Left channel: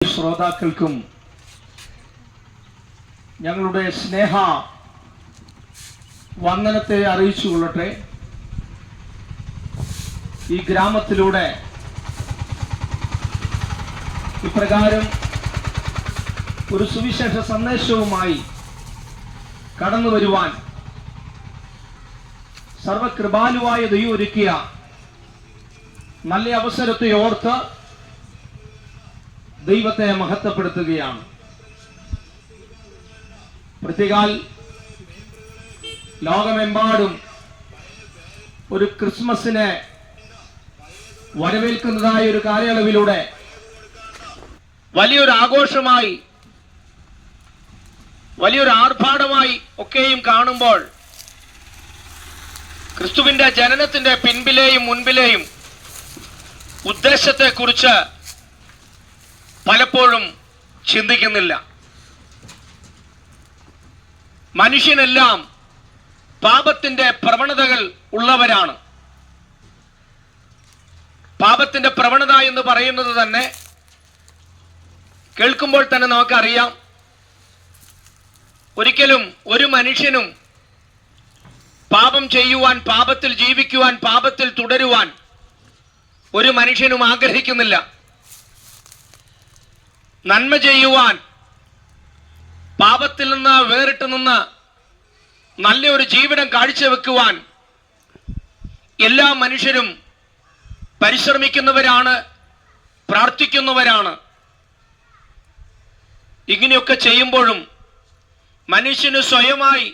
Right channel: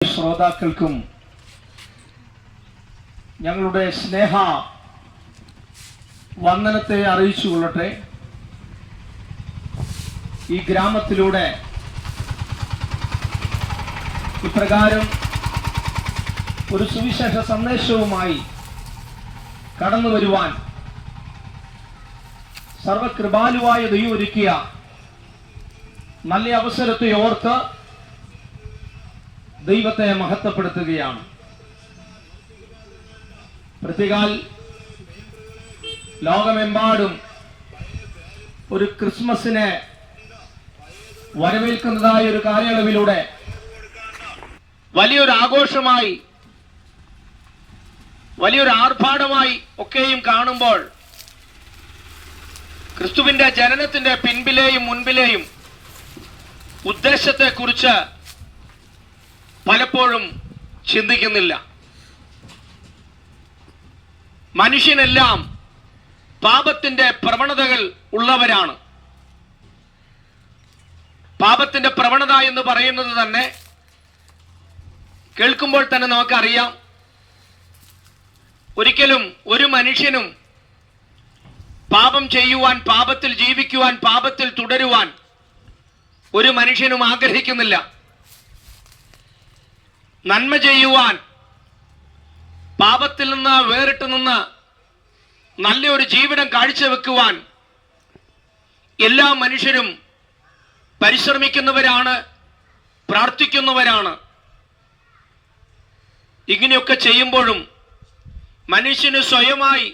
ശ്രോതാക്കൾക്കും ഞങ്ങളുടെ സ്നേഹ വന്ദനത്തെ അറിയിച്ചുകൊള്ളട്ടെ. ഈ ഗ്രാമത്തിലൂടെ ഇപ്രകാരം ഒരു സുവിശേഷ സന്ദേശവുമായി കടന്നു വരുവാൻ സർവകൃപാലുവായ ദൈവം ഒരുക്കിയ നല്ല അവസരത്തെ ഓർത്ത് ദൈവത്തെ മഹത്വപ്പെടുത്തുകയാണ്. പ്രത്യേകാൽ ലോകമെമ്പാടും ഒരു ക്രിസ്മസിനെ വരവേൽക്കുന്നതായ ഒരു കാലയളവിലൂടെ വലിയൊരു ആഘോഷമായി, വലിയൊരു ആർഭാടമായി ഒക്കെയും കാണുമ്പോൾ ക്രിസ്തുവിന്റെ ജനനത്തിന്റെ പിൻപിലെയും മുൻപിലെയും ഉദ്ദേശത്തെക്കുറിച്ച് പലപ്പോഴും ചിന്തിക്കുന്നില്ല. മനുഷ്യനെല്ലാം പാപത്തിന്റെ പ്രവണതകൾ ഉള്ളവരാണ്. പാപത്തിന്റെ പ്രവണത എന്ന് പറയുന്നത് തന്നെ കേൾക്കുമ്പോൾ തന്നെ നമുക്കറിയാം, ഒരിക്കലും ഒരു മനുഷ്യനും പാപം ചെയ്യുവാൻ, പാപത്തിൽ ജീവിക്കുവാൻ, പാപത്തിൽ തുടരുവാൻ ഒരു മനുഷ്യനും ആഗ്രഹിക്കുന്നില്ല. നന്മ ചെയ്യുവാൻ, പാപത്തിൽ നിന്ന് വേറിട്ട് നിന്ന് നല്ലൊരു ജീവിതം കാഴ്ചവെക്കുവാൻ എല്ലാ മനുഷ്യരും പരിശ്രമിക്കുന്നവരാണ്, പ്രാർത്ഥിക്കുന്നവരാണ്. ഇങ്ങനെയൊക്കെ ചെയ്യുമ്പോഴും മനുഷ്യന് സ്വയമായി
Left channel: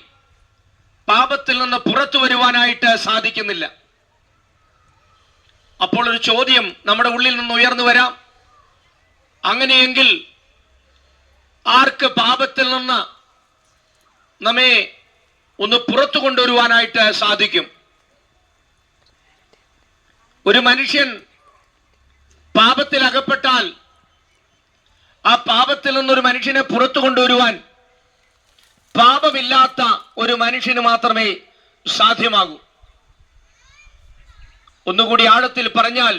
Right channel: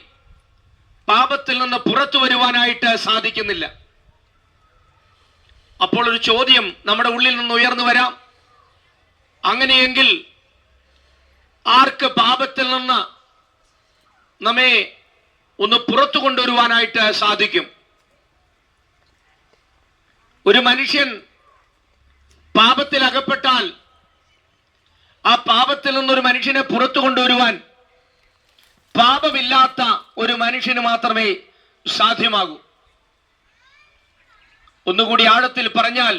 പാപത്തിൽ നിന്ന് പുറത്തു വരുവാനായിട്ട് സാധിക്കുന്നില്ല. അപ്പോൾ ഒരു ചോദ്യം നമ്മുടെ ഉള്ളിൽ നിന്ന് ഉയർന്നു വരാം, അങ്ങനെയെങ്കിൽ ആർക്ക് പാപത്തിൽ നിന്ന് നമ്മെ ഒന്ന് പുറത്തു കൊണ്ടുവരുവാനായിട്ട് സാധിക്കും? ഒരു മനുഷ്യൻ പാപത്തിൽ അകപ്പെട്ടാൽ ആ പാപത്തിൽ നിന്നൊരു മനുഷ്യനെ പുറത്തു കൊണ്ടുവരുവാൻ പാപമില്ലാത്ത ഒരു മനുഷ്യന് മാത്രമേ സാധ്യമാകൂ. ഒന്നുകൂടി ആഴത്തിൽ പറഞ്ഞാൽ,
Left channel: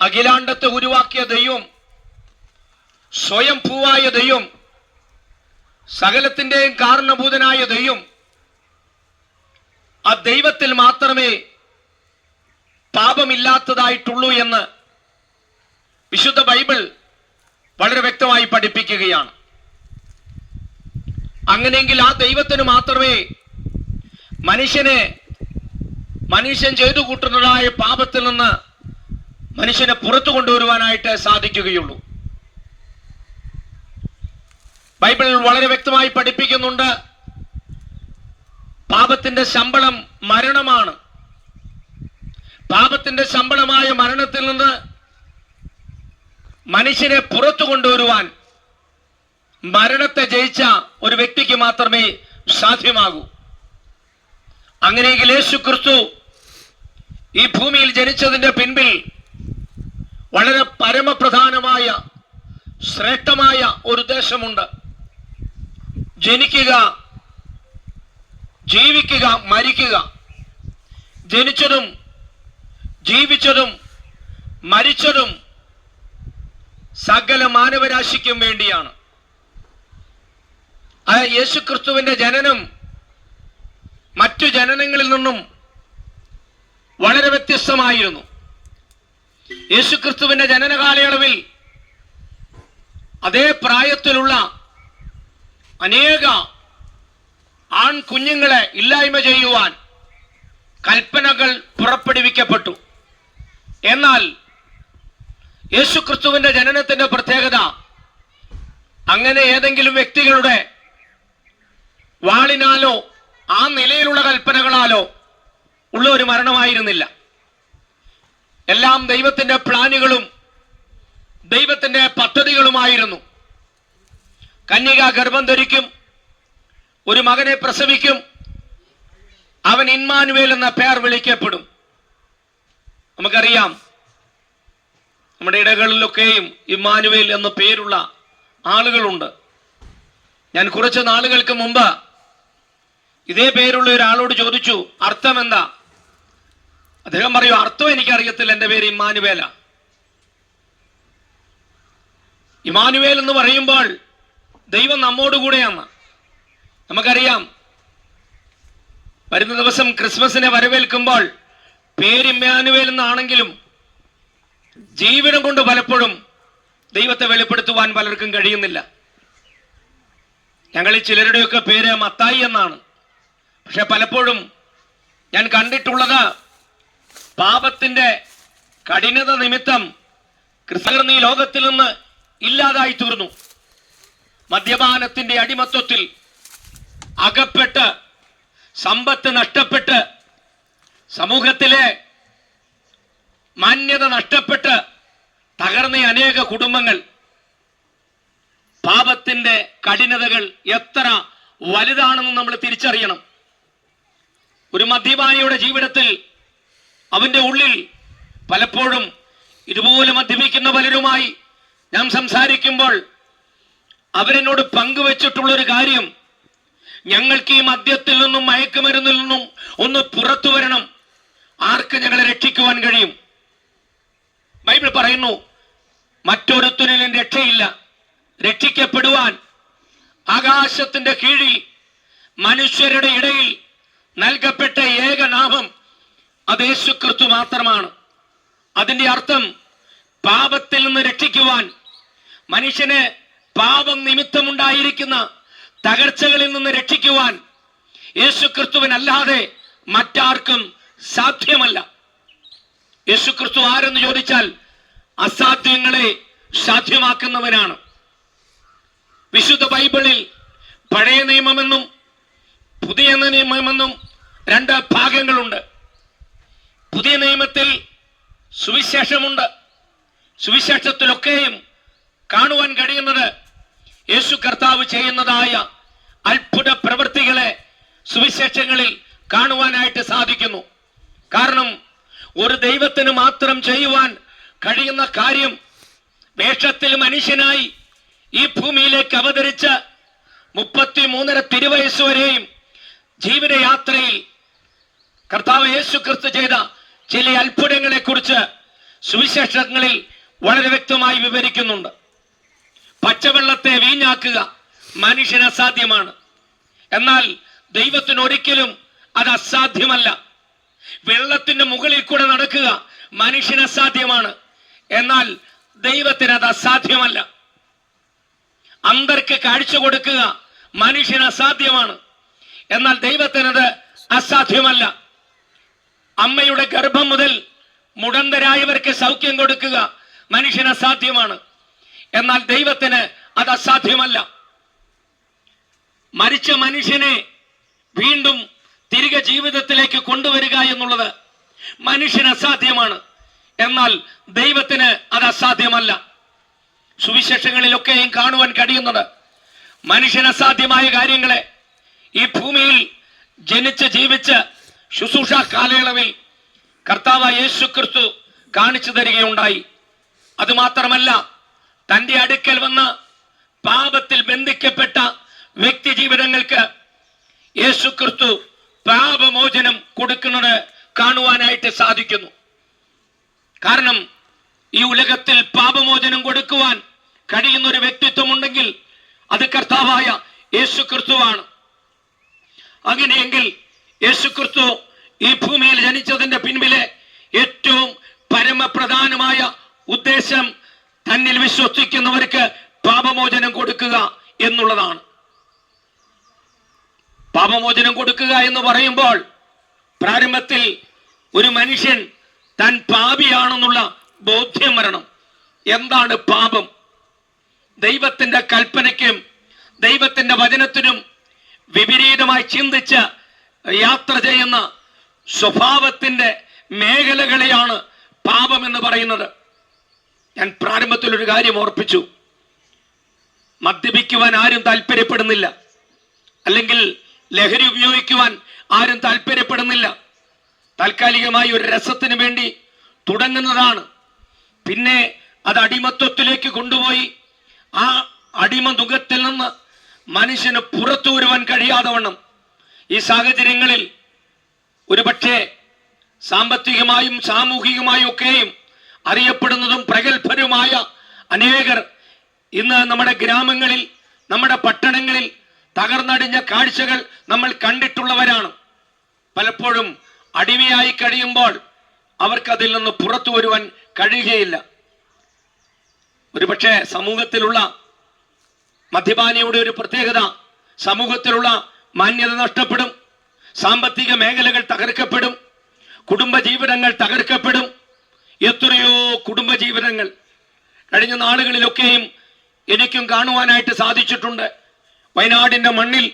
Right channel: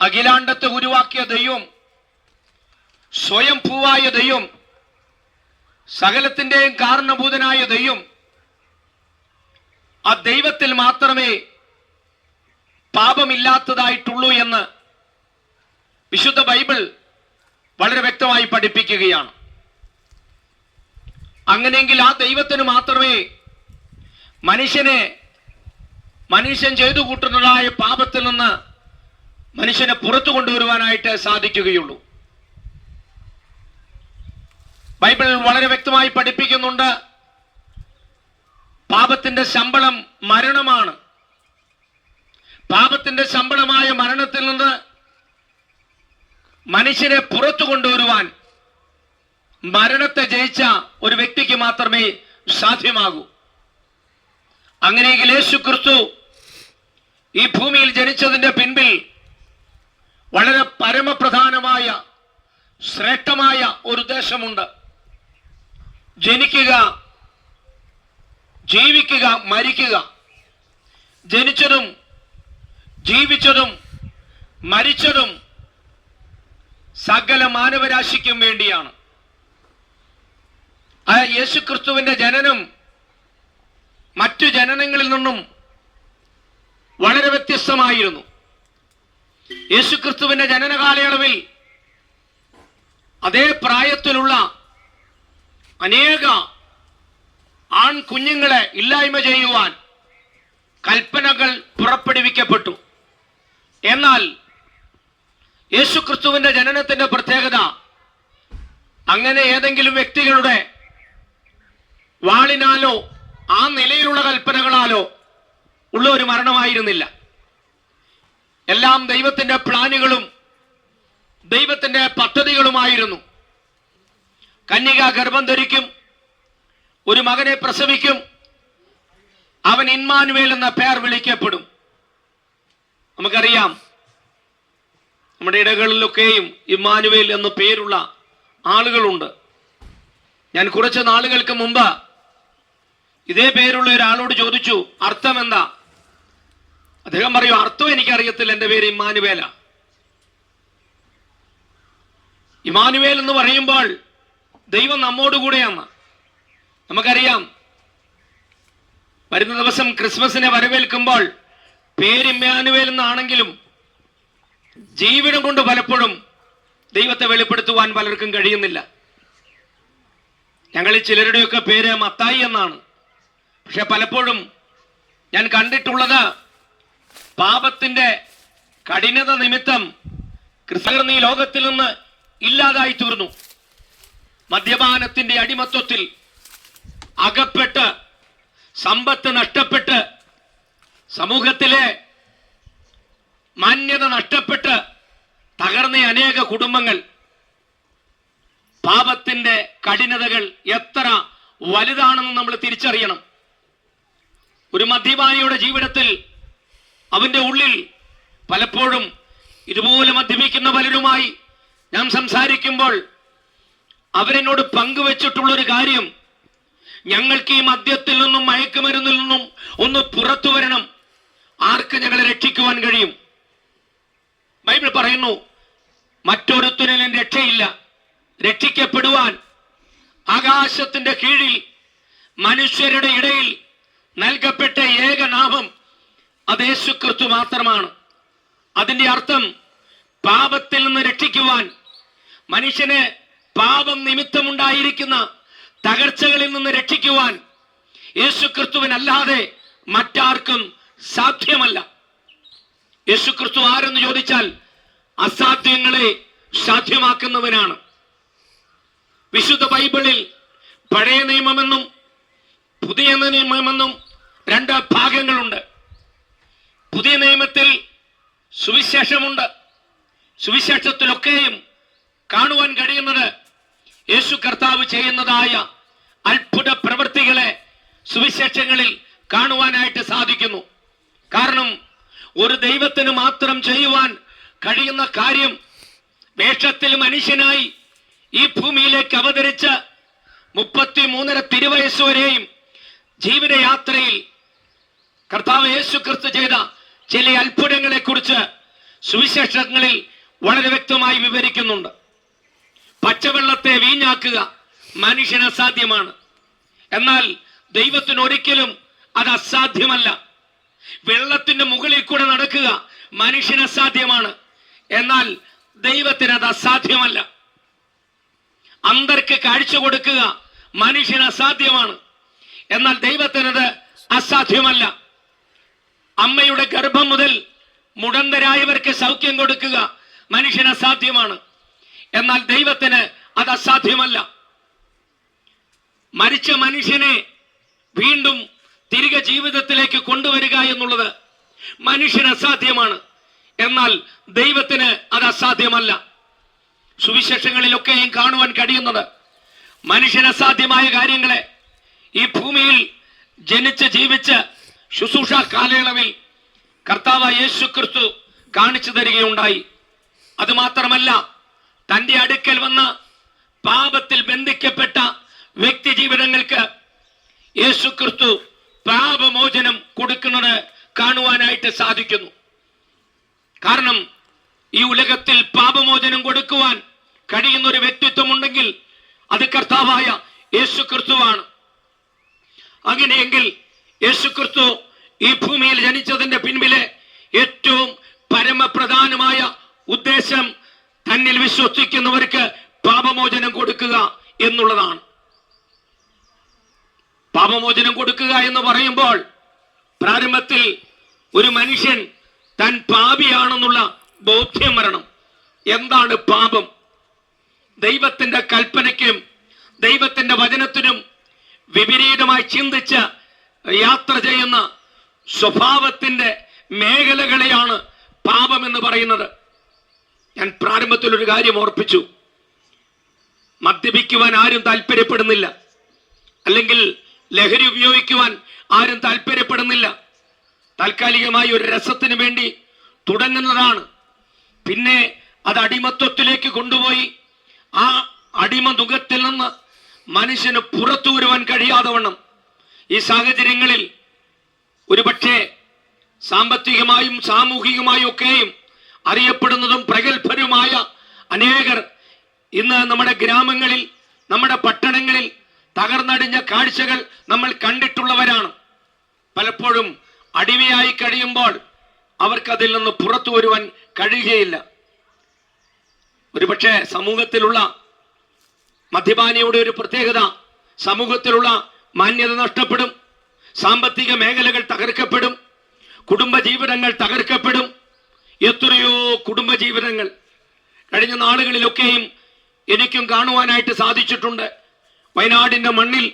അഖിലാണ്ടത്തെ ഉരുവാക്കിയ ദൈവം, സ്വയം ഭൂവായ ദൈവം, സകലത്തിന്റെയും കാരണഭൂതനായ ദൈവം, ആ ദൈവത്തിൽ മാത്രമേ പാപമില്ലാത്തതായിട്ടുള്ളൂ എന്ന് വിശുദ്ധ ബൈബിൾ വളരെ വ്യക്തമായി പഠിപ്പിക്കുകയാണ്. അങ്ങനെയെങ്കിൽ ആ ദൈവത്തിന് മാത്രമേ മനുഷ്യൻ ചെയ്തു കൂട്ടുന്നതായ പാപത്തിൽ നിന്ന് മനുഷ്യനെ പുറത്തു കൊണ്ടുവരുവാനായിട്ട് സാധിക്കുകയുള്ളൂ. ബൈബിൾ വളരെ വ്യക്തമായി പഠിപ്പിക്കുന്നുണ്ട്, പാപത്തിന്റെ ശമ്പളം മരണമാണ്. പാപത്തിന്റെ ശമ്പളമായ മരണത്തിൽ നിന്ന് മനുഷ്യനെ പുറത്തു കൊണ്ടുവരുവാൻ മരണത്തെ ജയിച്ച ഒരു വ്യക്തിക്ക് മാത്രമേ സാധ്യമാകൂ. അങ്ങനെയെങ്കിൽ യേശു ക്രിസ്തു ഈ ഭൂമിയിൽ ജനിച്ചതിന്റെ പിൻപിൽ വളരെ പരമപ്രധാനമായ ശ്രേഷ്ഠമായ ഒരു ഉദ്ദേശമുണ്ട്. ജനിക്കുക, ജീവിക്കുക, മരിക്കുക. ജനിച്ചതും ജീവിച്ചതും മരിച്ചതും സകല മാനവരാശിക്കും വേണ്ടിയാണ്. ആ യേശുക്രിസ്തുവിന്റെ ജനനം മറ്റു ജനനങ്ങളിൽ നിന്നും വളരെ വ്യത്യസ്തമായിരുന്നു. യേശുക്രിസ്തുവിന്റെ ജനന കാലയളവിൽ അതേ പ്രായത്തിലുള്ള അനേക ആൺകുഞ്ഞുങ്ങളെ ഇല്ലായ്മ ചെയ്യുവാൻ കൽപ്പനകൾ പുറപ്പെടുവിക്കപ്പെട്ടു. എന്നാൽ യേശുക്രിസ്തുവിന്റെ ജനനത്തിന്റെ പ്രത്യേകത, അങ്ങനെ ഏതെങ്കിലും വ്യക്തികളുടെ വാളിനാലോ ആ നിലയിലുള്ള കൽപ്പനകളാലോ ഉള്ള ഒരു മരണമായിരുന്നില്ല. എല്ലാം ദൈവത്തിന്റെ പ്ലാനുകളും ദൈവത്തിന്റെ പദ്ധതികളുമായിരുന്നു. കന്യക ഗർഭം ധരിക്കും, ഒരു മകനെ പ്രസവിക്കും, അവൻ ഇമ്മാനുവേൽ എന്ന പേർ വിളിക്കപ്പെടും. നമുക്കറിയാം, നമ്മുടെ ഇടകളിലൊക്കെയും ഇമ്മാനുവേൽ എന്ന പേരുള്ള ആളുകളുണ്ട്. ഞാൻ കുറച്ച് നാളുകൾക്ക് മുമ്പ് ഇതേ പേരുള്ള ഒരാളോട് ചോദിച്ചു, അർത്ഥം എന്താ? അദ്ദേഹം പറയും, അർത്ഥം എനിക്കറിയത്തില്ല, എൻ്റെ പേര് ഇമ്മാനുവേല. ഇമ്മാനുവേൽ എന്ന് പറയുമ്പോൾ ദൈവം നമ്മോടുകൂടെയാണ്. നമുക്കറിയാം, വരുന്ന ദിവസം ക്രിസ്മസിനെ വരവേൽക്കുമ്പോൾ പേര് ഇമ്മാനുവേൽ എന്നാണെങ്കിലും ജീവിതം കൊണ്ട് പലപ്പോഴും ദൈവത്തെ വെളിപ്പെടുത്തുവാൻ പലർക്കും കഴിയുന്നില്ല. ഞങ്ങളിൽ ചിലരുടെയൊക്കെ പേര് മത്തായി എന്നാണ്. പക്ഷെ പലപ്പോഴും ഞാൻ കണ്ടിട്ടുള്ളത് പാപത്തിന്റെ കഠിനത നിമിത്തം ക്രിസ്ത്യൻ ഈ ലോകത്തിൽ നിന്ന് ഇല്ലാതായി തീർന്നു. മദ്യപാനത്തിന്റെ അടിമത്വത്തിൽ അകപ്പെട്ട് സമ്പത്ത് നഷ്ടപ്പെട്ട് സമൂഹത്തിലെ മാന്യത നഷ്ടപ്പെട്ട് തകർന്ന അനേക കുടുംബങ്ങൾ. പാപത്തിന്റെ കഠിനതകൾ എത്ര വലുതാണെന്ന് നമ്മൾ തിരിച്ചറിയണം. ഒരു മദ്യപാനിയുടെ ജീവിതത്തിൽ അവന്റെ ഉള്ളിൽ പലപ്പോഴും ഇതുപോലെ മദ്യപിക്കുന്ന പലരുമായി ഞാൻ സംസാരിക്കുമ്പോൾ അവരെന്നോട് പങ്കുവെച്ചിട്ടുള്ളൊരു കാര്യം, ഞങ്ങൾക്ക് ഈ മദ്യത്തിൽ നിന്നും മയക്കുമരുന്നിൽ നിന്നും ഒന്ന് പുറത്തു വരണം, ആർക്ക് ഞങ്ങളെ രക്ഷിക്കുവാൻ കഴിയും? ബൈബിൾ പറയുന്നു, മറ്റൊരുത്തനിലും രക്ഷയില്ല. രക്ഷിക്കപ്പെടുവാൻ ആകാശത്തിന്റെ കീഴിൽ മനുഷ്യരുടെ ഇടയിൽ നൽകപ്പെട്ട ഏക നാമം അത് യേശുക്രിസ്തു മാത്രമാണ്. അതിന്റെ അർത്ഥം പാപത്തിൽ നിന്ന് രക്ഷിക്കുവാൻ, മനുഷ്യനെ പാപം നിമിത്തമുണ്ടായിരിക്കുന്ന തകർച്ചകളിൽ നിന്ന് രക്ഷിക്കുവാൻ യേശുക്രിസ്തുവിനല്ലാതെ മറ്റാർക്കും സാധ്യമല്ല. യേശുക്രിസ്തു ആരെന്ന് ചോദിച്ചാൽ അസാധ്യങ്ങളെ സാധ്യമാക്കുന്നവനാണ്. വിശുദ്ധ ബൈബിളിൽ പഴയ നിയമമെന്നും പുതിയ നിയമമെന്നും രണ്ട് ഭാഗങ്ങളുണ്ട്. പുതിയ നിയമത്തിൽ സുവിശേഷമുണ്ട്. സുവിശേഷത്തിലൊക്കെയും കാണുവാൻ കഴിയുന്നത് യേശു കർത്താവ് ചെയ്യുന്നതായ അത്ഭുത പ്രവൃത്തികളെ സുവിശേഷങ്ങളിൽ കാണുവാനായിട്ട് സാധിക്കുന്നു. കാരണം ഒരു ദൈവത്തിന് മാത്രം ചെയ്യുവാൻ കഴിയുന്ന കാര്യം വേഷത്തിൽ മനുഷ്യനായി ഈ ഭൂമിയിലേക്ക് അവതരിച്ച 33.5 തിരുവയസ്സ് വരെയും ജീവിതയാത്രയിൽ കർത്താവ് യേശു ക്രിസ്തു ചെയ്ത ചില അത്ഭുതങ്ങളെ കുറിച്ച് സുവിശേഷങ്ങളിൽ വളരെ വ്യക്തമായി വിവരിക്കുന്നുണ്ട്. പച്ചവെള്ളത്തെ വീഞ്ഞാക്കുക മനുഷ്യന് അസാധ്യമാണ്. എന്നാൽ ദൈവത്തിന് ഒരിക്കലും അത് അസാധ്യമല്ല. വെള്ളത്തിന്റെ മുകളിൽ കൂടെ നടക്കുക മനുഷ്യന് അസാധ്യമാണ്. എന്നാൽ ദൈവത്തിന് അത് അസാധ്യമല്ല. അന്ധർക്ക് കാഴ്ച കൊടുക്കുക മനുഷ്യന് അസാധ്യമാണ്. എന്നാൽ ദൈവത്തിനത് അസാധ്യമല്ല. അമ്മയുടെ ഗർഭം മുതൽ മുടന്തരായവർക്ക് സൗഖ്യം കൊടുക്കുക മനുഷ്യന് അസാധ്യമാണ്. എന്നാൽ ദൈവത്തിന് അത് അസാധ്യമല്ല. മരിച്ച മനുഷ്യനെ വീണ്ടും തിരികെ ജീവിതത്തിലേക്ക് കൊണ്ടുവരിക എന്നുള്ളത് മനുഷ്യന് അസാധ്യമാണ്. എന്നാൽ ദൈവത്തിന് അത് അസാധ്യമല്ല. സുവിശേഷങ്ങളിലൊക്കെയും കാണുവാൻ കഴിയുന്നത് മനുഷ്യന് അസാധ്യമായ കാര്യങ്ങളെ ഈ ഭൂമിയിൽ ജനിച്ച് ജീവിച്ച് ശുശ്രൂഷ കാലയളവിൽ കർത്താവ് യേശു ക്രിസ്തു കാണിച്ചു തരികയുണ്ടായി. അതുമാത്രമല്ല, തന്റെ അടുക്കൽ വന്ന് പാപത്തിൽ ബന്ധിക്കപ്പെട്ട വ്യക്തി ജീവിതങ്ങൾക്ക് യേശു ക്രിസ്തു പാപമോചനം കൊടുക്കുന്നത് കാണുവാനായിട്ട് സാധിക്കുന്നു. കാരണം ഈ ഉലകത്തിൽ പാപമോചനം കൊടുക്കുവാൻ കഴിയുന്ന ഒരു വ്യക്തിത്വം ഉണ്ടെങ്കിൽ അത് കർത്താവായ യേശു ക്രിസ്തുവാണ്. അങ്ങനെയെങ്കിൽ യേശു ക്രിസ്തു ഈ ഭൂമിയിൽ ജനിച്ചതിന്റെ പിൻപിലെ ഏറ്റവും പരമപ്രധാനമായ ഉദ്ദേശം തന്നിൽ വിശ്വസിക്കുന്നവർക്ക് പാപമോചനം കൊടുക്കുക എന്നുള്ളതാണ്. പാപമോചനം കൊടുക്കുക എന്ന് പറയുമ്പോൾ പ്രാരംഭത്തിൽ ഒരു മനുഷ്യൻ താൻ പാപിയാണെന്നുള്ള ബോധ്യം വരണം. എന്താണ് പാപം? ദൈവത്തിന്റെ കൽപ്പനയ്ക്കും ദൈവത്തിന്റെ വചനത്തിനും വിപരീതമായി ചിന്തിച്ച് യാത്ര ചെയ്യുന്ന സ്വഭാവത്തിന്റെ മേഖലകളെയാണ് പാപം എന്ന് പറയുന്നത്. ഞാൻ പ്രാരംഭത്തിൽ ഒരു കാര്യം ഓർപ്പിച്ചു. മദ്യപിക്കുവാൻ ആരും താല്പര്യപ്പെടുന്നില്ല, അല്ലെങ്കിൽ ലഹരി ഉപയോഗിക്കുവാൻ ആരും താല്പര്യപ്പെടുന്നില്ല. താൽക്കാലികമായി ഒരു രസത്തിന് വേണ്ടി തുടങ്ങുന്നതാണ്. പിന്നെ അത് അടിമത്വത്തിലേക്ക് കൊണ്ടുപോയി ആ അടിമതുകത്തിൽ നിന്ന് മനുഷ്യന് പുറത്തു വരുവാൻ കഴിയാതെ വണ്ണം ഈ സാഹചര്യങ്ങളിൽ ഒരുപക്ഷെ സാമ്പത്തികമായും സാമൂഹികമായും ഒക്കെയും അറിയപ്പെടുന്നതും പ്രഗത്ഭരുമായ അനേകർ ഇന്ന് നമ്മുടെ ഗ്രാമങ്ങളിൽ, നമ്മുടെ പട്ടണങ്ങളിൽ തകർന്നടിഞ്ഞ കാഴ്ചകൾ നമ്മൾ കണ്ടിട്ടുള്ളവരാണ്. പലപ്പോഴും അടിമയായി കഴിയുമ്പോൾ അവർക്കതിൽ നിന്ന് പുറത്തു വരുവാൻ കഴിയുകയില്ല. ഒരുപക്ഷെ സമൂഹത്തിലുള്ള മദ്യപാനിയുടെ ഒരു പ്രത്യേകത, സമൂഹത്തിലുള്ള മാന്യത നഷ്ടപ്പെടും, സാമ്പത്തിക മേഖലകൾ തകർക്കപ്പെടും, കുടുംബജീവിതങ്ങൾ തകർക്കപ്പെടും. എത്രയോ കുടുംബജീവിതങ്ങൾ കഴിഞ്ഞ നാളുകളിലൊക്കെയും എനിക്കും കാണുവാനായിട്ട് സാധിച്ചിട്ടുണ്ട്. വയനാടിന്റെ മണ്ണിൽ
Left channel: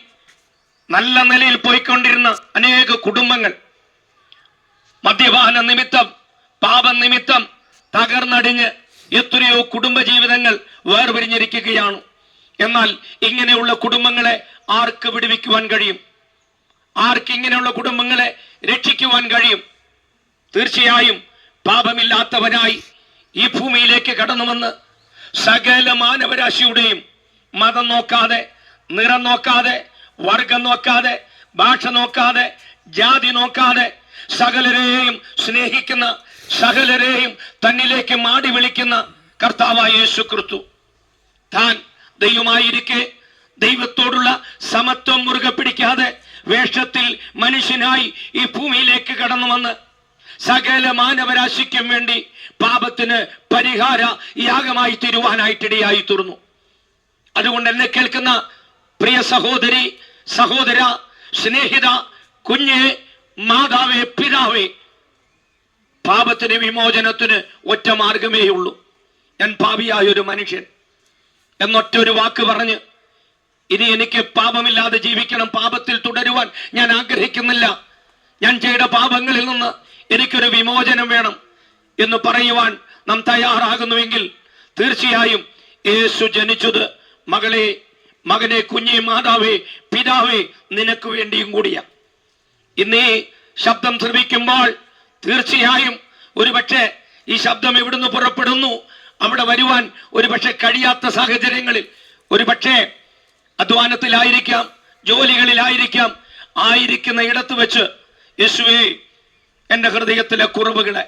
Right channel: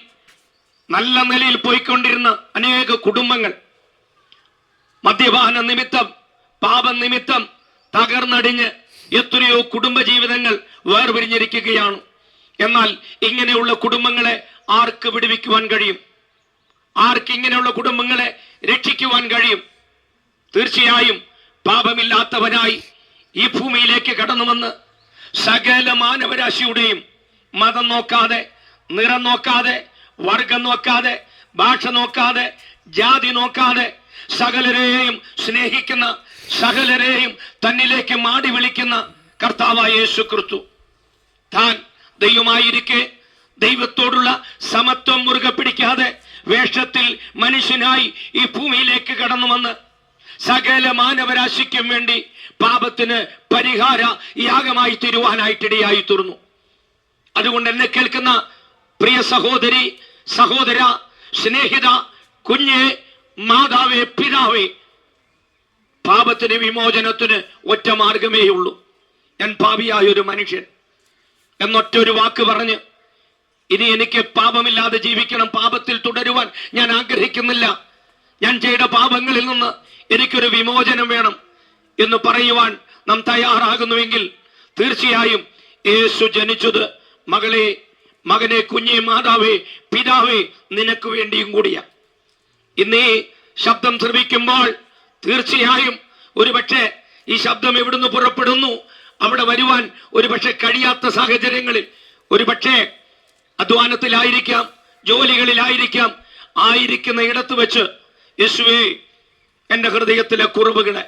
നല്ല നിലയിൽ പോയിക്കൊണ്ടിരുന്ന അനേക കുടുംബങ്ങൾ മദ്യപാന നിമിത്തം, പാപനിമിത്തം തകർന്നടിഞ്ഞ് എത്രയോ കുടുംബജീവിതങ്ങൾ വേർപിരിഞ്ഞിരിക്കുകയാണ്. എന്നാൽ ഇങ്ങനെയുള്ള കുടുംബങ്ങളെ ആർക്ക് വിടുവിക്കുവാൻ കഴിയും? ആർക്ക് ഇങ്ങനെയുള്ള കുടുംബങ്ങളെ രക്ഷിക്കുവാൻ കഴിയും? തീർച്ചയായും പാപമില്ലാത്തവനായി ഈ ഭൂമിയിലേക്ക് കടന്നു വന്ന് സകല മാനവരാശിയുടെയും മതം നോക്കാതെ, നിറം നോക്കാതെ, വർഗം നോക്കാതെ, ഭാഷ നോക്കാതെ, ജാതി നോക്കാതെ സകലരെയും സ്നേഹിക്കുന്ന, സകലരെയും തന്നിലേക്ക് മാടി വിളിക്കുന്ന കർത്താവായ യേശു ക്രിസ്തു താൻ ദൈവമായിരിക്കെ ദൈവത്തോടുള്ള സമത്വം മുറുകെ പിടിക്കാതെ വേഷത്തിൽ മനുഷ്യനായി ഈ ഭൂമിയിലേക്ക് കടന്നു വന്ന് സകല മാനവരാശിക്കും വേണ്ടി പാപത്തിന് പരിഹാര യാഗമായി തീരുവാനായിട്ടിടയായി തീർന്നു. അതുകൊണ്ട് എന്നെ കേൾക്കുന്ന പ്രിയ സഹോദരി, സഹോദര, സ്നേഹിത, കുഞ്ഞെ, മാതാവേ, പിതാവേ, പാപത്തിന് വിമോചനത്തിന് ഒറ്റ മാർഗമേ ഉള്ളൂ. ഞാൻ പാപിയായൊരു മനുഷ്യൻ എന്നൊറ്റൊരു വാക്ക് പറഞ്ഞ് ഇനി എനിക്ക് പാപമില്ലാതെ ജീവിക്കണം, പാപത്തിൽ തുടരുവാൻ ഞാൻ ആഗ്രഹിക്കുന്നില്ല, ഞാൻ ചെയ്ത പാപങ്ങളിൽ നിന്ന് എനിക്കൊരു വിമോചനം വേണം എന്ന് പറയുവാൻ നാം തയ്യാറാകുന്നുവെങ്കിൽ തീർച്ചയായും യേശു ജനിച്ചത് മകളെ, മകനെ, കുഞ്ഞെ, മാതാവേ, പിതാവേ, നിനക്ക് വേണ്ടിയും കൂടിയാ. ഇന്നീ ശബ്ദം ശ്രവിക്കുമ്പോൾ തീർച്ചയായും ഒരുപക്ഷെ ഈ ശബ്ദം എവിടുന്ന് പുറപ്പെടുന്നു അവിടെ വരുവാൻ ഒരുപക്ഷെ കഴിയാത്ത സാഹചര്യങ്ങളിൽ, ഒരുപക്ഷെ അധ്വാനത്തിലായിരിക്കാം, ജോലികളിലായിരിക്കാം, ആയിരിക്കുന്ന ഇടത്ത് വെച്ച് യേശുവേ, എന്റെ ഹൃദയത്തിലെ കുറവുകളെ,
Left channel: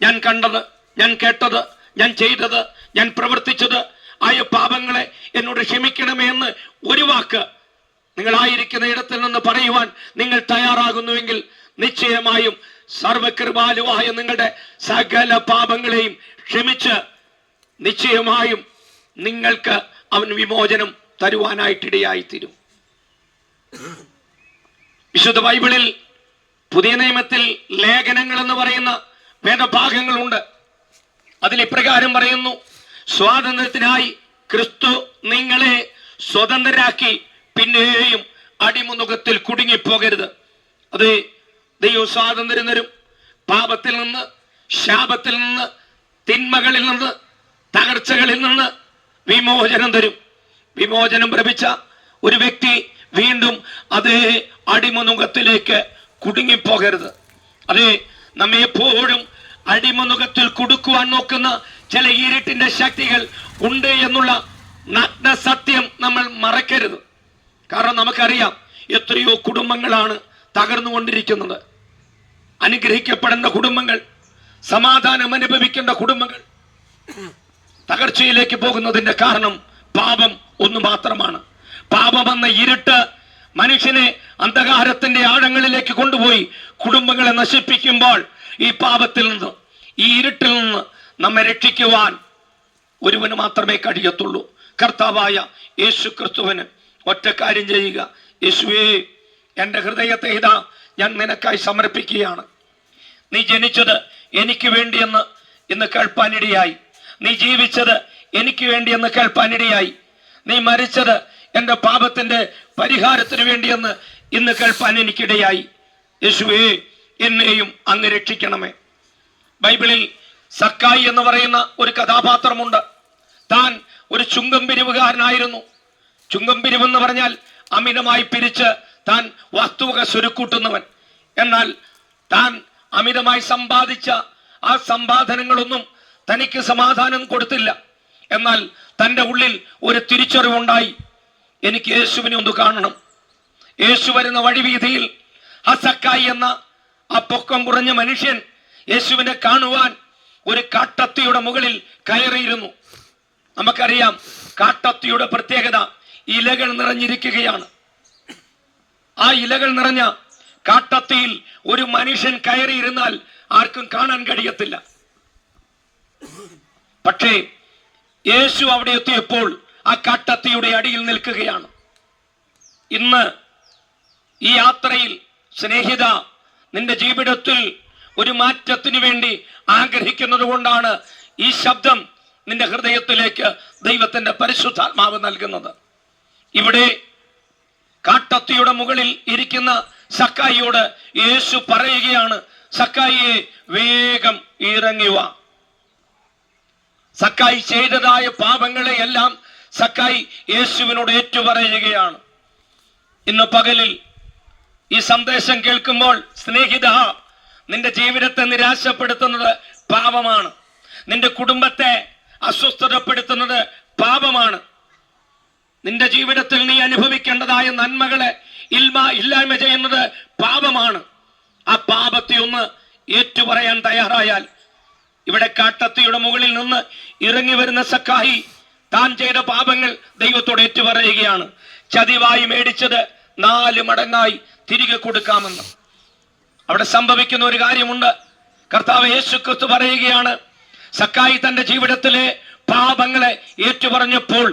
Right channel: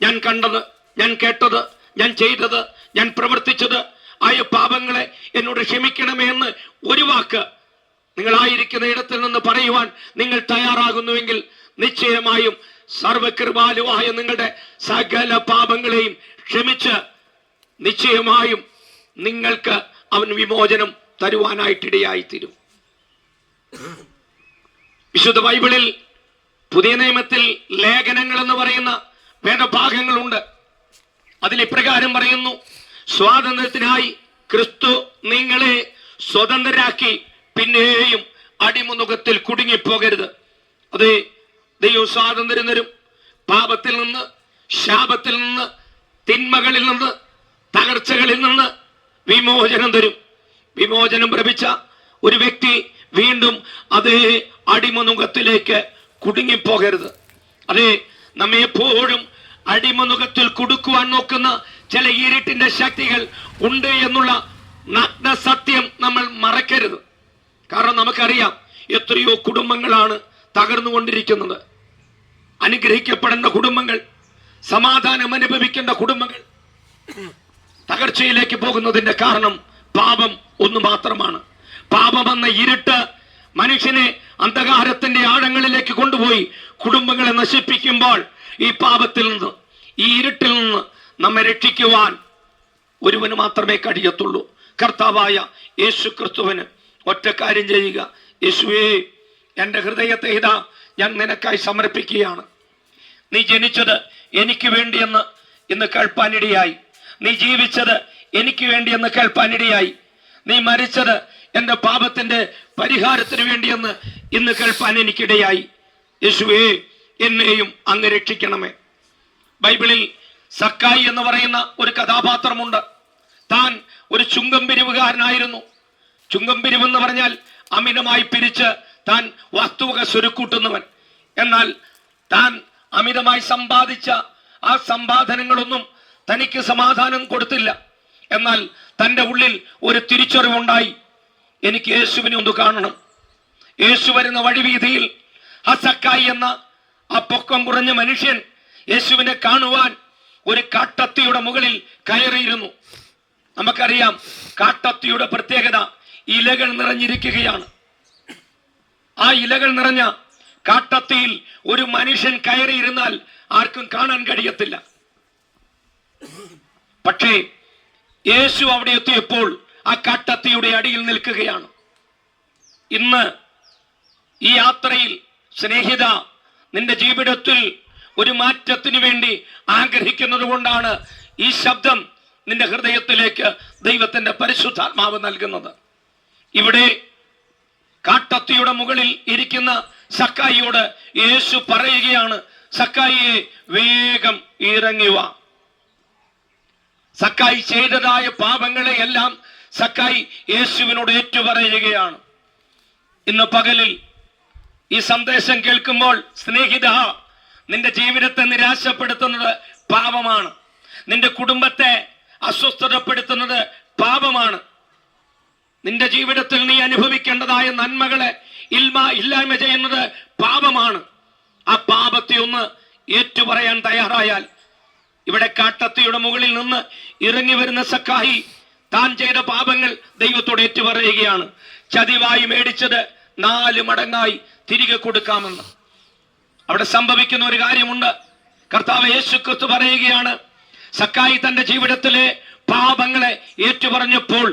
ഞാൻ കണ്ടത്, ഞാൻ കേട്ടത്, ഞാൻ ചെയ്തത്, ഞാൻ പ്രവർത്തിച്ചത് ആയ പാപങ്ങളെ എന്നോട് ക്ഷമിക്കണമേ എന്ന് ഒരു വാക്ക് നിങ്ങളായിരിക്കുന്ന ഇടത്തിൽ നിന്ന് പറയുവാൻ നിങ്ങൾ തയ്യാറാകുന്നുവെങ്കിൽ നിശ്ചയമായും സർവകൃപാലുവായ നിങ്ങളുടെ സകല പാപങ്ങളെയും ക്ഷമിച്ച് നിശ്ചയമായും നിങ്ങൾക്ക് അവൻ വിമോചനം തരുവാനായിട്ടിടയായിത്തീരും. വിശുദ്ധ ബൈബിളിൽ പുതിയ നിയമത്തിൽ ലേഖനങ്ങൾ എന്ന് പറയുന്ന വേദഭാഗങ്ങളുണ്ട്. അതിൽ ഇപ്രകാരം പറയുന്നു: സ്വാതന്ത്ര്യത്തിനായി ക്രിസ്തു നിങ്ങളെ സ്വതന്ത്രരാക്കി, പിന്നെയും അടിമുഖത്തിൽ കുടുങ്ങിപ്പോകരുത്. അത് ദൈവം സ്വാതന്ത്ര്യം തരും. പാപത്തിൽ നിന്ന്, ശാപത്തിൽ നിന്ന്, തിന്മകളിൽ നിന്ന്, തകർച്ചകളിൽ നിന്ന് വിമോചനം തരും. വിമോചനം ലഭിച്ച ഒരു വ്യക്തി വീണ്ടും അതേ അടിമനുഖത്തിലേക്ക് കുടുങ്ങിപ്പോകരുത്. അതെ, നമ്മെ എപ്പോഴും അടിമനുഖത്തിൽ കുടുക്കുവാൻ നോക്കുന്ന ചില ഇരുട്ടിന്റെ ശക്തികൾ ഉണ്ട് എന്നുള്ള നഗ്ന സത്യം നമ്മൾ മറക്കരുത്. കാരണം നമുക്കറിയാം എത്രയോ കുടുംബങ്ങളാണ് തകർന്നുകൊണ്ടിരിക്കുന്നത്. അനുഗ്രഹിക്കപ്പെടേണ്ട കുടുംബങ്ങൾ, സമാധാനം അനുഭവിക്കേണ്ട കുടുംബങ്ങൾ തകർച്ചയിലേക്ക് പോകുന്നതിന്റെ കാരണം പാപം ഒന്ന് മാത്രമാണ്. പാപമെന്ന ഇരുട്ട് മനുഷ്യനെ അന്ധകാരത്തിന്റെ ആഴങ്ങളിലേക്ക് കൊണ്ടുപോയി കുടുംബങ്ങളെ നശിപ്പിക്കുമ്പോൾ ഈ പാപത്തിൽ നിന്ന്, ഈ ഇരുട്ടിൽ നിന്ന് നമ്മെ രക്ഷിക്കുവാൻ ഒരുവന് മാത്രമേ കഴിയത്തുള്ളൂ, കർത്താവായ യേശു ക്രിസ്തുവിന്. ഒറ്റ കാര്യം ചെയ്യുക: യേശുവേ, എൻ്റെ ഹൃദയത്തെ ഇതാ ഞാൻ നിനക്കായി സമർപ്പിക്കുകയാണ്. നീ ജനിച്ചത് എനിക്ക് വേണ്ടിയെന്ന് ഇന്ന് കേൾപ്പാനിടയായി. നീ ജീവിച്ചത് എനിക്ക് വേണ്ടിയെന്ന് കേൾപ്പാനിടയായി. നീ മരിച്ചത് എൻ്റെ പാപത്തിന്റെ പരിഹാരത്തിന് വേണ്ടിയെന്ന് ഇന്ന് കേൾപ്പാൻ എനിക്കിടയായി. യേശുവേ, എന്നെയും അങ്ങ് രക്ഷിക്കണമേ. ബൈബിളിൽ സക്കായി എന്ന് പറയുന്ന ഒരു കഥാപാത്രമുണ്ട്. താൻ ഒരു ചുങ്കം പിരിവുകാരനായിരുന്നു. ചുങ്കം പിരിവെന്ന് പറഞ്ഞാൽ അമിതമായി പിരിച്ച് താൻ വസ്തുവക സ്വരുക്കൂട്ടുന്നവൻ. എന്നാൽ താൻ അമിതമായി സമ്പാദിച്ച ആ സമ്പാദനങ്ങളൊന്നും തനിക്ക് സമാധാനം കൊടുത്തില്ല. എന്നാൽ തൻ്റെ ഉള്ളിൽ ഒരു തിരിച്ചറിവുണ്ടായി: എനിക്ക് യേശുവിനെ ഒന്ന് കാണണം. യേശു വരുന്ന വഴിവീതിയിൽ ആ സക്കായി എന്ന ആ പൊക്കം കുറഞ്ഞ മനുഷ്യൻ യേശുവിനെ കാണുവാൻ ഒരു കാട്ടത്തിയുടെ മുകളിൽ കയറിയിരുന്നു. നമുക്കറിയാം കാട്ടത്തിയുടെ പ്രത്യേകത ഇലകൾ നിറഞ്ഞിരിക്കുകയാണ്. ആ ഇലകൾ നിറഞ്ഞ കാട്ടത്തിയിൽ ഒരു മനുഷ്യൻ കയറിയിരുന്നാൽ ആർക്കും കാണാൻ കഴിയത്തില്ല. പക്ഷേ യേശു അവിടെ എത്തിയപ്പോൾ ആ കാട്ടത്തിയുടെ അടിയിൽ നിൽക്കുകയാണ്. ഇന്ന് ഈ യാത്രയിൽ സ്നേഹിത, നിന്റെ ജീവിതത്തിൽ ഒരു മാറ്റത്തിന് വേണ്ടി ആഗ്രഹിക്കുന്നത് കൊണ്ടാണ് ഈ ശബ്ദം നിന്റെ ഹൃദയത്തിലേക്ക് ദൈവത്തിന്റെ പരിശുദ്ധാത്മാവ് നൽകുന്നത്. ഇവിടെ കാട്ടത്തിയുടെ മുകളിൽ ഇരിക്കുന്ന സക്കായിയോട് യേശു പറയുകയാണ്, സക്കായിയെ വേഗം ഇറങ്ങി വാ. സക്കായി ചെയ്തതായ പാപങ്ങളെ എല്ലാം സക്കായി യേശുവിനോട് ഏറ്റുപറയുകയാണ്. ഇന്ന് പകലിൽ ഈ സന്ദേശം കേൾക്കുമ്പോൾ സ്നേഹിത, നിന്റെ ജീവിതത്തെ നിരാശപ്പെടുത്തുന്നത് പാപമാണ്. നിന്റെ കുടുംബത്തെ അസ്വസ്ഥതപ്പെടുത്തുന്നത് പാപമാണ്. നിന്റെ ജീവിതത്തിൽ നീ അനുഭവിക്കേണ്ടതായ നന്മകളെ ഇല്ലായ്മ ചെയ്യുന്നത് പാപമാണ്. ആ പാപത്തെ ഒന്ന് ഏറ്റുപറയാൻ തയ്യാറായാൽ, ഇവിടെ കാട്ടത്തിയുടെ മുകളിൽ നിന്ന് ഇറങ്ങി വരുന്ന സക്കായി താൻ ചെയ്ത പാപങ്ങൾ ദൈവത്തോട് ഏറ്റുപറയുകയാണ്. ചതിവായി മേടിച്ചത് 4 മടങ്ങായി തിരികെ കൊടുക്കാമെന്ന്. അവിടെ സംഭവിക്കുന്ന ഒരു കാര്യമുണ്ട്. കർത്താവ് യേശു ക്രിസ്തു പറയുകയാണ്, സക്കായി തന്റെ ജീവിതത്തിലെ പാപങ്ങളെ ഏറ്റുപറഞ്ഞപ്പോൾ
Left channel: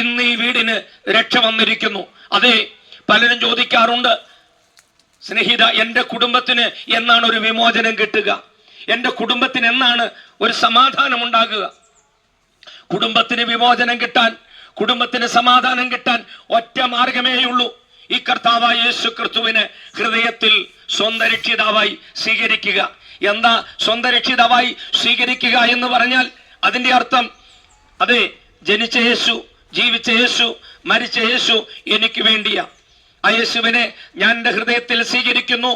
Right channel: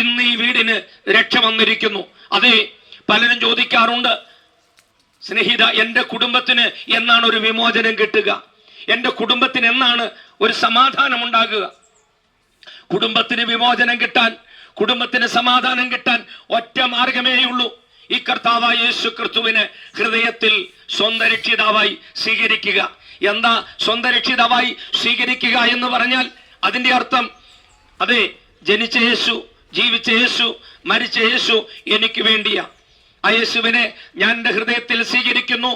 ഇന്ന് ഈ വീടിന് രക്ഷ വന്നിരിക്കുന്നു. അതെ, പലരും ചോദിക്കാറുണ്ട്, സ്നേഹിത, എന്റെ കുടുംബത്തിന് എന്നാണ് ഒരു വിമോചനം കിട്ടുക? എന്റെ കുടുംബത്തിന് എന്നാണ് ഒരു സമാധാനം ഉണ്ടാകുക? കുടുംബത്തിന് വിമോചനം കിട്ടാൻ, കുടുംബത്തിന് സമാധാനം കിട്ടാൻ ഒറ്റ മാർഗമേയുള്ളൂ. ഈ കർത്താവായ യേശു ക്രിസ്തുവിനെ ഹൃദയത്തിൽ സ്വന്തം രക്ഷിതാവായി സ്വീകരിക്കുക. എന്താ സ്വന്തം രക്ഷിതാവായി സ്വീകരിക്കുക എന്ന് പറഞ്ഞാൽ അതിന്റെ അർത്ഥം, അതെ, ജനിച്ച യേശു, ജീവിച്ച യേശു, മരിച്ച യേശു എനിക്ക് വേണ്ടിയാ. ആ യേശുവിനെ ഞാൻ എൻ്റെ ഹൃദയത്തിൽ സ്വീകരിക്കുന്നു.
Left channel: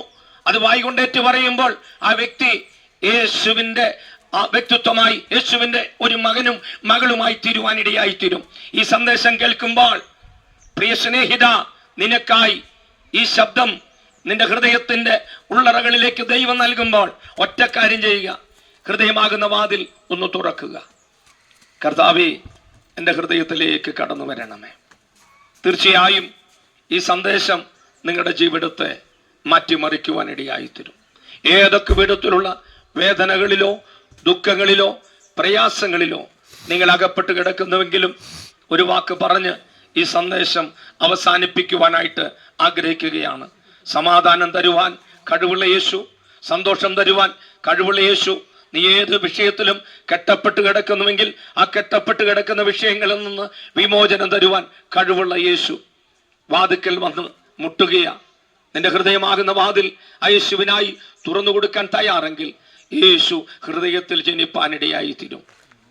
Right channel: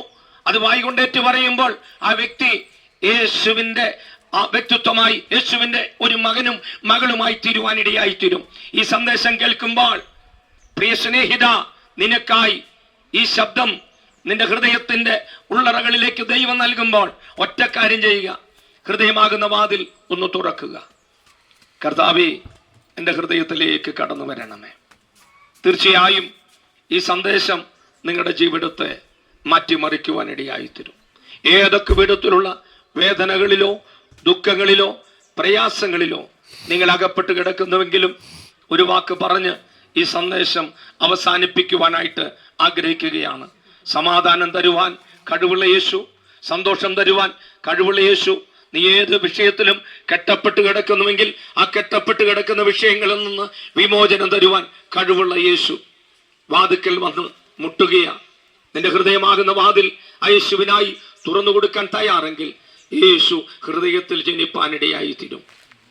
അത് വായികൊണ്ടേറ്റ് പറയുമ്പോൾ ആ വ്യക്തി യേശുവിന്റെ ആ വ്യക്തിത്വമായി, യേശുവിന്റെ ഒരു മകനും മകളുമായി തീരുവാനിടയായി തീരും. ഈ സന്ദേശം കേൾക്കുമ്പോൾ പ്രിയ സ്നേഹിത, നിനക്കായി ഈ ശബ്ദം നിന്റെ ഹൃദയത്തിന്റെ ഉള്ളറകളിലേക്ക് ദൈവം നൽകുമ്പോൾ ഒറ്റ കാര്യം ചെയ്യുക, ഹൃദയമാകുന്ന വാതിൽ ഒന്ന് തുറക്കുക. കർത്താവേ, എൻ്റെ ഹൃദയത്തിലേക്ക് കടന്നു വരണമേ. തീർച്ചയായും ഈ സന്ദേശം നിങ്ങളുടെ ജീവിതത്തെ മാറ്റിമറിക്കുവാനിടയായിത്തീരും. ഏതൊക്കെ വിധത്തിലുള്ള വേദനകളിലോ ദുഃഖങ്ങളിലോ പ്രയാസങ്ങളിലോ നിങ്ങൾ അകപ്പെട്ട് കിടക്കുന്നുവെങ്കിലും ഒരു വാക്ക് പറഞ്ഞ് ഈ സന്ദേശം അവസാനിപ്പിക്കുവാനായിട്ട് ആഗ്രഹിക്കുകയാണ്. സമാധാനം തരുവാൻ കഴിവുള്ള യേശു, സന്തോഷം തരുവാൻ കഴിവുള്ള യേശു, നീ ഏത് വിഷയത്തിലും കെട്ടപ്പെട്ട് കിടക്കുന്നുവെങ്കിൽ ആ കെട്ടപ്പെട്ട് കിടക്കുന്ന വിഷയങ്ങളിൽ നിന്ന് വിമോചനം തരുവാൻ കഴിവുള്ള യേശു വാതിക്കൽ വന്ന് മുട്ടുകയാ. നിന്റെ ഹൃദയമാകുന്ന വാതിൽ ആ യേശുവിനായി തുറന്നു കൊടുക്കാൻ തയ്യാറെങ്കിൽ യേശു ഹൃദയത്തിൽ ജനിപ്പാനിടയായി തീരും.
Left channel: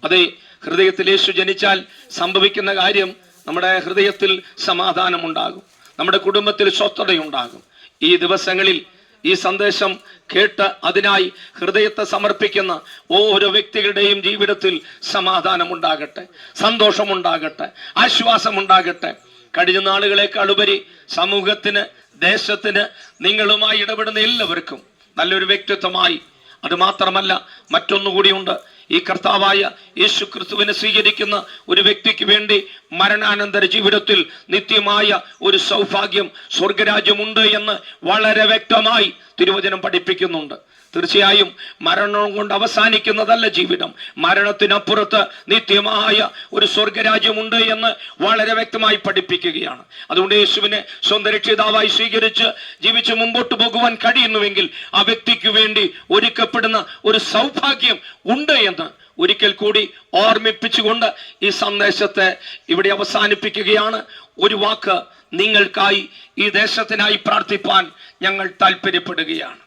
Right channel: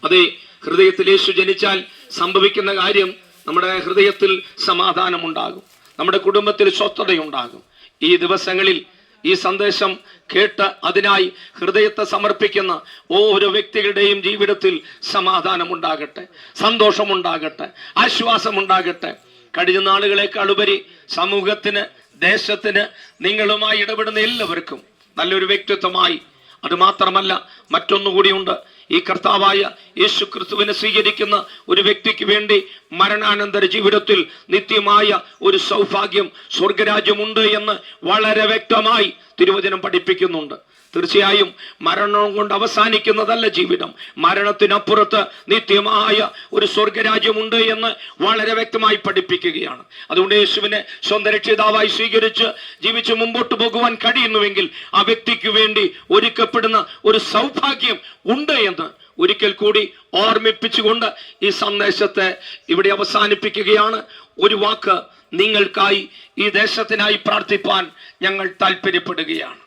അതെ, ഹൃദയത്തിൽ യേശു ജനിച്ചാൽ സംഭവിക്കുന്ന കാര്യം, നമ്മുടെ ഹൃദയത്തിൽ സമാധാനമുണ്ടാകും, നമ്മുടെ കുടുംബത്തിൽ സ്വസ്ഥതയുണ്ടാകും. ഈ ദിവസങ്ങളിൽ ഈ സന്ദേശം കേട്ട് അതിനായി ഹൃദയത്തെ സമർപ്പിക്കുന്ന ഓരോ വ്യക്തികളുടെയും ജീവിതത്തിൽ സമാധാനമുണ്ടാകട്ടെ, സന്തോഷമുണ്ടാകട്ടെ, ആശ്വാസമുണ്ടാകട്ടെ. കഴിഞ്ഞ നാളുകളെക്കാൾ ഉപരി സമൂഹത്തിന്, ദേശത്തിന്, നിങ്ങളുമായി ഇടപെടുന്ന എല്ലാവർക്കും നല്ലൊരു വ്യക്തിത്വമായി, അത് മാത്രമല്ല മറ്റൊന്നുകൂടിയുണ്ട്, ഈ കർത്താവായ യേശു ക്രിസ്തുവിനെ സ്വീകരിക്കുന്ന ഒരു വ്യക്തിക്ക് വേണ്ടി മരണാനന്തര ജീവിതത്തിൽ നിത്യമായ ഒരു സൗഭാഗ്യം, സ്വർഗരാജ്യമുണ്ട് എന്ന് വളരെ വ്യക്തമായി തിരുവചനം പഠിപ്പിക്കുന്നുണ്ട്. തീർച്ചയായും മരണം കൊണ്ട് അവസാനിക്കുന്നതല്ല ജീവിതം, മരണത്തിനപ്പുറത്ത് നിത്യമായ ഒരു സ്വർഗരാജ്യമുണ്ട് എന്ന് വളരെ വ്യക്തമായി പഠിപ്പിക്കുകയാണ്. അതുകൊണ്ട് യേശുവിനെ സ്വന്തം രക്ഷിതാവായി സ്വീകരിച്ച് ജീവിച്ച് മുമ്പോട്ട് പോകുവാൻ കഴിയുന്നുവെങ്കിൽ ആ വ്യക്തിക്ക് വേണ്ടി ഒരുക്കപ്പെടുന്ന ഒരു സൗഭാഗ്യം ഉണ്ട് എന്ന് ഒരിക്കൽ കൂടി ഓർമ്മിപ്പിച്ചുകൊണ്ട് ഈ സന്ദേശത്തെ ഇവിടെ അവസാനിപ്പിക്കുകയാണ്. ഒരു വാക്ക് നിങ്ങൾക്കായി, ഈ ദേശത്തിനായി പ്രാർത്ഥിപ്പാൻ ഞങ്ങൾ താല്പര്യപ്പെടുകയാണ്.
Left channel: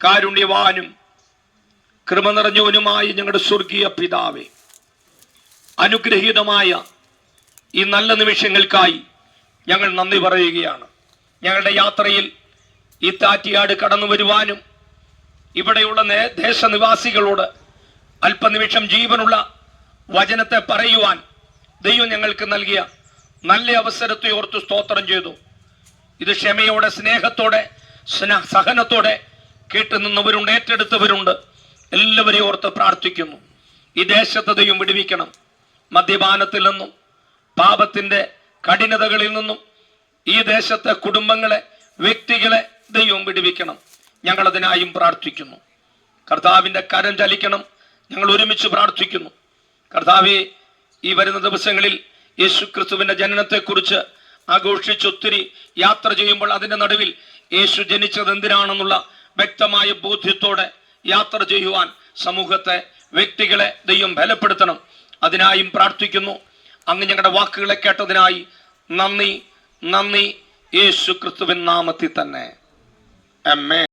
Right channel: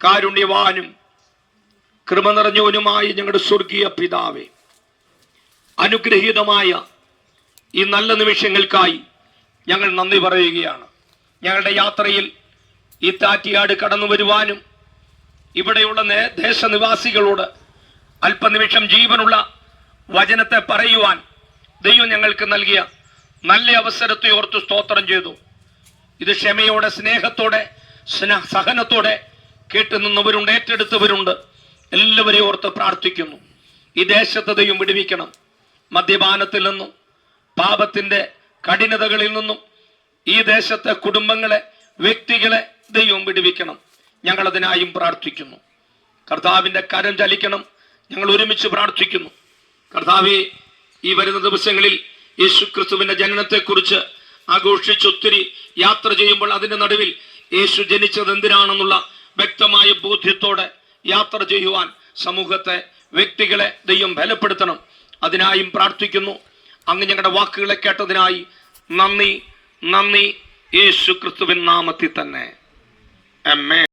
കാരുണ്യവാനും കൃപ നിറഞ്ഞവനുമായ ഞങ്ങളുടെ സ്വർഗീയ പിതാവേ, അനുഗ്രഹീതമായ ഈ നല്ല നിമിഷങ്ങൾക്കായി ഞങ്ങൾ നന്ദി പറയുകയാണ്. ഞങ്ങളുടെ യാത്രയിൽ ഈ താറ്റിയാട് കടന്നു വരുവാനും ഇവിടെയുള്ള ദേശനിവാസികളോട് അല്പനിമിഷം ജീവനുള്ള വചനത്തെ പറയുവാൻ ദൈവം ഞങ്ങൾക്ക് നൽകിയ നല്ല അവസരത്തെ ഓർത്ത് സ്തോത്രം ചെയ്തു. ഇത് ക്ഷമയോടെ, സ്നേഹത്തോടെ, സഹനത്തോടെ കേട്ടു നിന്നവരുണ്ട്, ഏറ്റെടുത്തവരുണ്ട്. എല്ലാവരെയും ഓർത്ത് പ്രാർത്ഥിക്കുന്നു. ഈ ദേശത്തെ ദൈവം വിടുവിക്കണം. മദ്യപാനത്തിൽ നിന്നും പാപത്തിന്റെ കഠിനതകളിൽ നിന്നും ഈ ദേശത്തെ കുടുംബങ്ങളെ, വ്യക്തികളെ ദൈവം വിടുവിക്കണം. ഞങ്ങൾ അതിനായും പ്രാർത്ഥിക്കുന്നു. കർത്താവിന്റെ കരം ചലിക്കണം. ഞങ്ങൾ ഒരുമിച്ച് പ്രാർത്ഥിക്കുന്നു. കർത്താവെ, ഈ വരുന്ന ദിവസങ്ങളിൽ യേശു ക്രിസ്തുവിന്റെ ജനനത്തെക്കുറിച്ച് ആഘോഷിച്ച് ഒത്തിരി യാത്ര ചെയ്യുമ്പോൾ അതിന്റെ നടുവിൽ യേശു ജനിച്ചത് എന്തിനാണെന്നുള്ള വ്യക്തമായ ബോധ്യത്തോടെ യാത്ര ചെയ്യുവാൻ സമൂഹത്തെ, വ്യക്തികളെ ദൈവം ബലപ്പെടുത്തണം. അതിനായും പ്രാർത്ഥിക്കുന്നു. അങ്ങ് ഞങ്ങളുടെ വാക്കുകളെ കേട്ടതിനായി നന്ദി. യേശു ക്രിസ്തുവിൻ നാമത്തിൽ തന്നെ. ആമേൻ.